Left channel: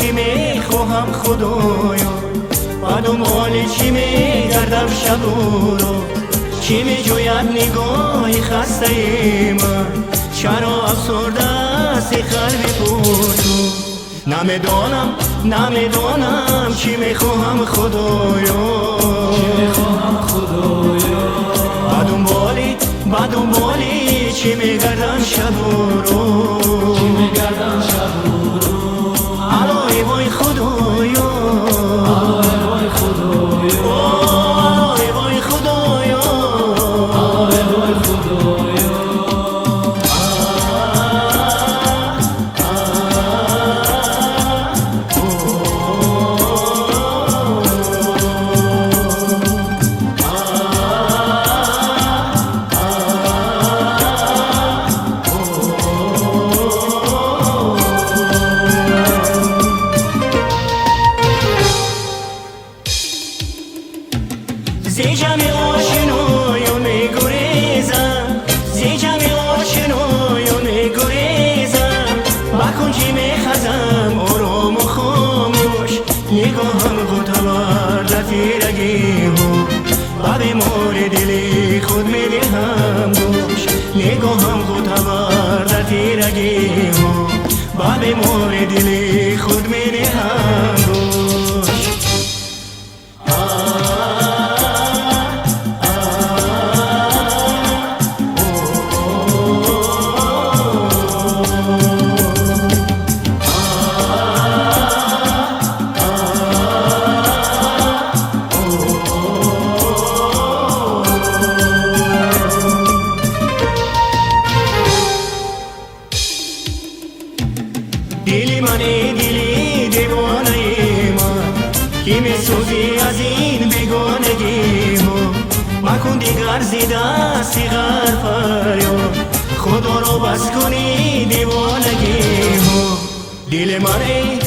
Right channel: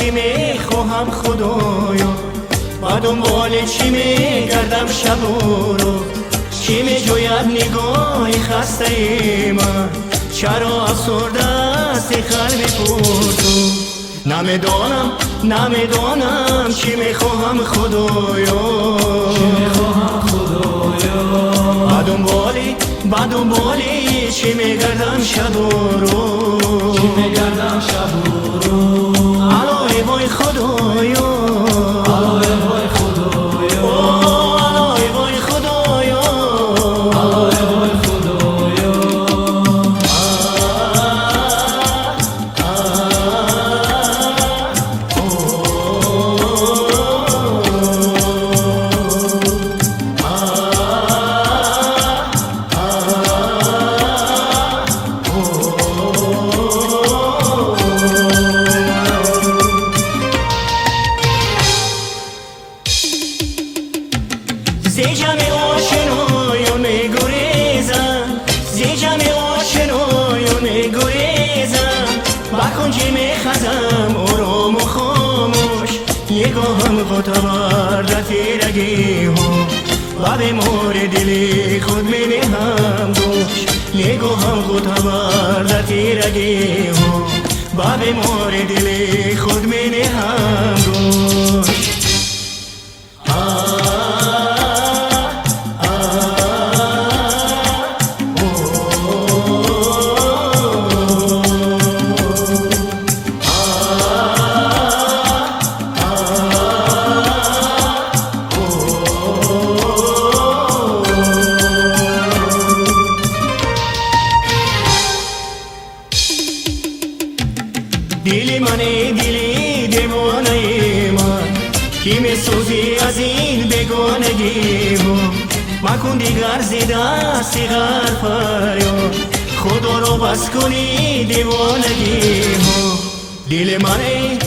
چی میخواهم خدایا، با دنبال چی میگردم شب و روز، چی میجوید نگاه خسته من، چرا افسرده است قلب خود. نمیدانم چی میخواهم خدایا، با دنبالی چی میگردم شب و روز، الای وای خدایا، الای وای خدایا، الای وای خدایا، الای وای خدایا. زی جمع آشنایان میگریزم، زی جمع آشنایان میگریزم، با کنجی میخزم آرام و خاموش، یگام خودم در تیرگی هم، با بیمار دلی خود میدهم خاموش، یگام خودم در تیرگی هم، با بیمار دلی خود میدهم خاموش. دلی منی دلی دیوانه من، کی میسوزی از این بیگانگی من، بکن دیگر زیده سیغر فرمان، خدا رو بس کنی دیوانگی من. دل منی